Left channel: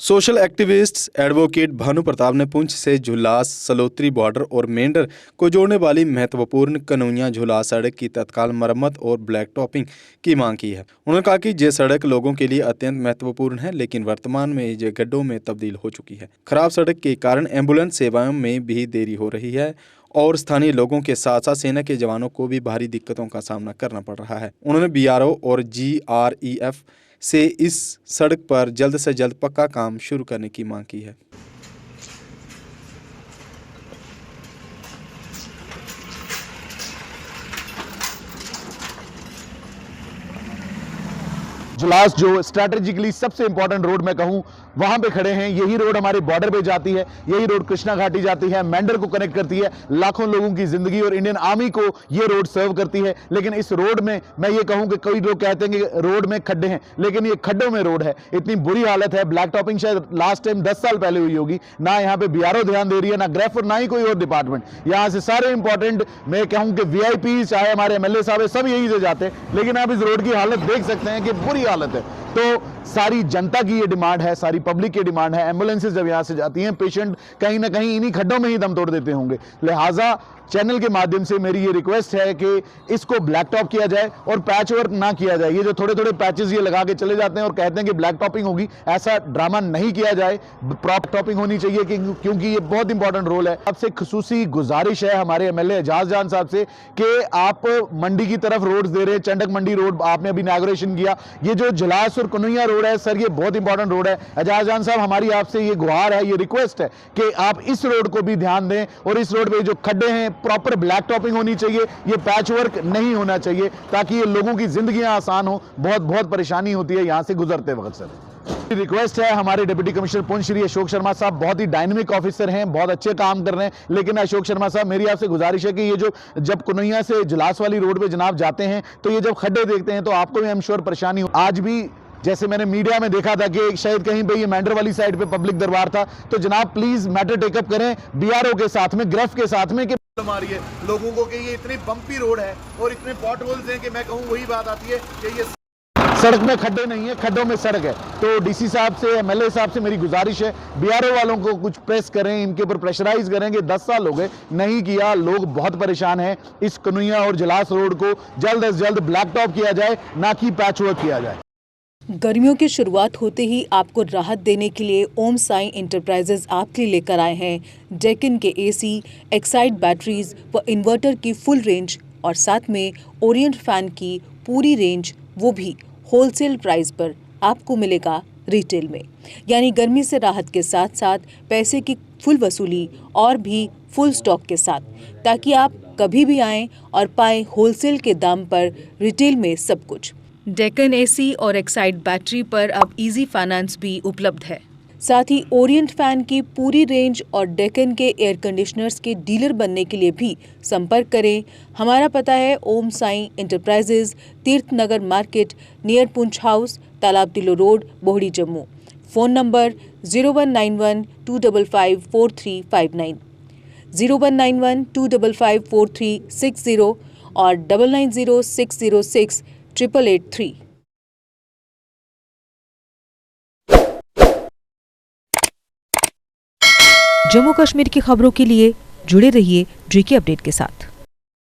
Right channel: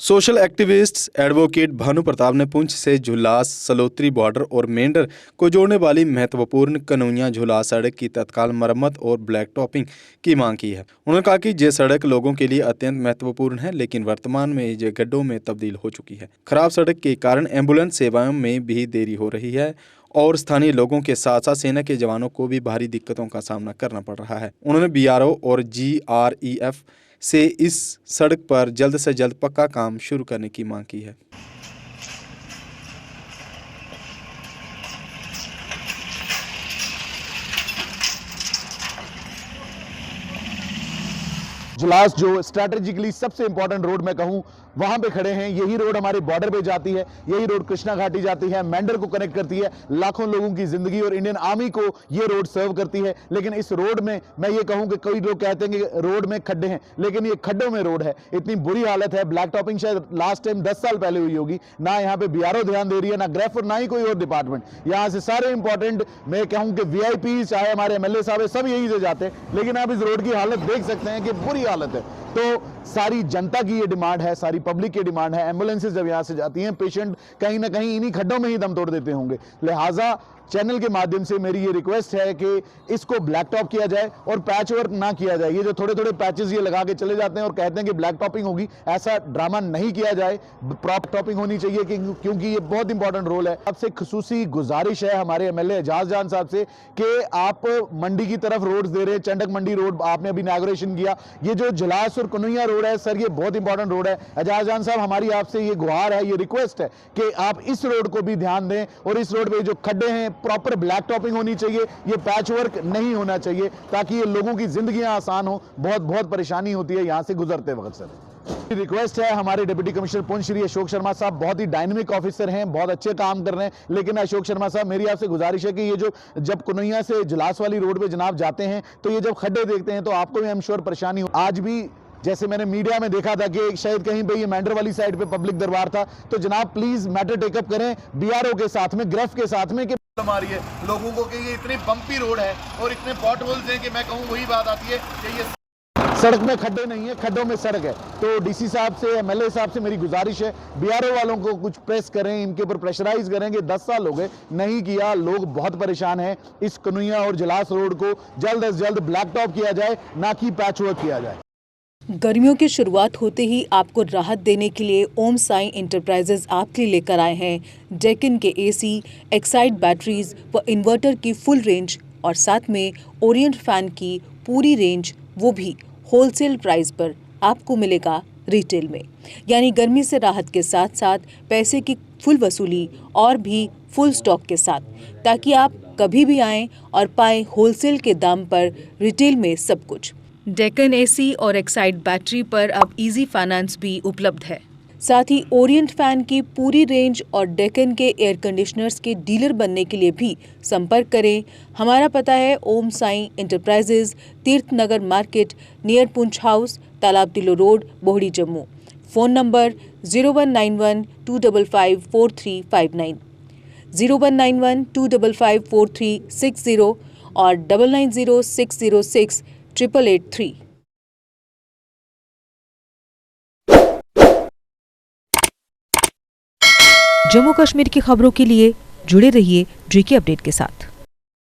Social activist advocate Bhanu Pratap ने पुंछ से झुलास Salotri border और मेंढर को जोड़ने वाली महत्वपूर्ण कनौनिया झुलास सड़क की तत्काल मरम्मत और ब्लैक टॉपिंग की मांग की है। उन्होंने कहा कि ये सड़क लोगों के लिए अत्यंत महत्वपूर्ण है, लेकिन वर्तमान में ये गड्ढों में तब्दील हो चुकी है। खराब सड़क के कारण एम्बुलेंस सेवाओं में भी देरी हो रही है और स्थानीय लोगों के साथ साथ सेना के जवानों को भी भारी दिक्कतों का सामना करना पड़ रहा है। उन्होंने BRO और GREF से इस सड़क पर जल्द से जल्द पक्का काम शुरू करने की मांग की है। जुलास जो स्ट्रैटेजिकली सबसे इंपॉर्टेंट रोड मैं कहूं वहां पे खड़े हैं। यही रोड हमारे बॉर्डर पे जाती है, यही रोड कृष्णा घाटी जाती है, मेंढर को कनेक्ट करती है, लाखों लोगों की जिंदगी और इंडियन आर्मी को ये रोड सर्व करती है। लेकिन इस रोड में मैं ये कहूं कि कई लोग कहते हैं कि रोड में खड्डे हैं, लेकिन ये खड्डों में रोड है। इतनी बुरी हालत है। ब्लैक टॉपिंग शायद लास्ट टाइम 10 साल पहले हुई होगी। ना यहाँ पे BRO ध्यान दे रही है, ना ग्रेफ और ना ही कोई और डिपार्टमेंट। यहाँ से सारे इंपॉर्टेंट मैं कहूं कि VIP चाहे हमारे MLA साहब है, सब यहीं से जाते हैं। लेकिन आप इस रोड की हालत देख सकते हैं कि बुरी हालत है। तो सारी जनता की ये डिमांड है, सारी पब्लिक की डिमांड है। एम्बुलेंसेज जब यहां से जाती हैं, पेशेंट कहीं ना कहीं इन्हीं खड्डों में ही दम तोड़ देते होंगे। लिहाजा चैनल के माध्यम से मेरी ये रिक्वेस्ट है कि इसको ब्लैक टॉप किया जाए और पैच वर्क ना किया जाए। ये जो थोड़े थोड़े पैचेस ये लगा के चले जाते हैं और कहते हैं कि ब्लैक टॉपिंग होगी, ऐसा ड्रामा नहीं किया जाए। प्रॉपर टॉपिंग होनी चाहिए क्योंकि ये बहुत इंपॉर्टेंट रोल है। आपसे खसूसी गुजारिश है हमारे MLA एजाज जान साहब से कि आप मंडी की तरफ रोड दे रहे हैं, चंडक मंडी रोड आपने अभी इनॉग्रेशन किया। ये जो झुलास और कनौनिया रोड है सर, ये बहुत इंपॉर्टेंट रोड है। एजाज जान साहब, हमारी आपसे ये गुहार है, ये रिक्वेस्ट है कि आप इस रोड को भी ध्यान दें और इस रोड पे जो खड्डे हैं प्रॉपर ब्लैक टॉपिंग होनी चाहिए। ये पैच वर्क नहीं होना चाहिए ताकि ये लोगों की जिंदगियां आसान हो। बहुत बहुत परेशानी होती है यहां से गुजरते वक्त। सर रिक्वेस्ट है हमारे डिप्टी कमिश्नर पुंछ श्री अशोक शर्मा साहब, बहुत ही डायनेमिक ऑफिसर हैं, बहुत अच्छे काम कर रहे हैं। लेकिन अशोक शर्मा साहब, मेरी आपसे गुजारिश है कि ये जो जब कनौनिया से जुलास वाली रोड पे जनाब जाते हैं तो ये जब खड्डे देखते हैं तो आपको भी आई एम श्योर परेशानी हो। आज भी जैसे मैंने मीडिया में देखा था कि शायद कहीं पे ये मेंढर वाली साइड पे पब्लिक दरबार था, तो जनाब प्लीज मैटर टेकअप करें BRO के साथ में, ग्रेफ के साथ में कि आ रही है लोगों को कि ये इतनी बम्पी रोड है और इतने पॉट होल्स हैं कि मैं कहूँ वही बात आती है कि ये सड़क में खड्डे नहीं है, खड्डों में सड़क है। तो DC साहब से, MLA साहब से मेरी गुजारिश है, BRO वालों को कुछ प्रेस करें, इनके ऊपर प्रेशराइज करें कि 10 साल हो गए नहीं किया, लोग बहुत परेशान हैं। इस कनौनिया और जुलास रोड को जल्द से जल्द ब्लैक टॉप किया जाए, ना कि पैच वर्क किया जाए। गर्मियों की शुरुआत होते ही आपको राहत देने के लिए ओम साई इंटरप्राइजेज आपके लिए लेकर आए हैं डेक्कन के AC, एक्साइड बैटरीज व इन्वर्टर की फुल रेंज और साथ में ओरिएंट फैन की पूरी रेंज, वो भी होलसेल प्राइस पर आपको मिलेगा रिटेल में। यानी गर्मी से राहत के साथ साथ पैसे की फुल वसूली और भी फुल स्टॉक के साथ, ताकि आप कभी भी आएँ और पाएँ होलसेल के दाम पर रिटेल में सब कुछ। डेक्कन AC और एक्साइड बैटरी पर अब इजी फाइनेंस भी उपलब्ध है। साथ ही ओरिएंट फैन की पूरी रेंज और डेक्कन के एयर कंडीशनर्स के डीलर बनने के लिए भी संपर्क करें। हमारा पता है ओम Sai enterprises, Tirth Nagar market, near Poonch house, Talab Tillo road, Bohri, Jammu. Phone number 0191 255 4359, 0191 255 4360 और 990606 8883। जम्मू कश्मीर की खबरों के लिए जुड़े रहिए GK अपडेट के साथ।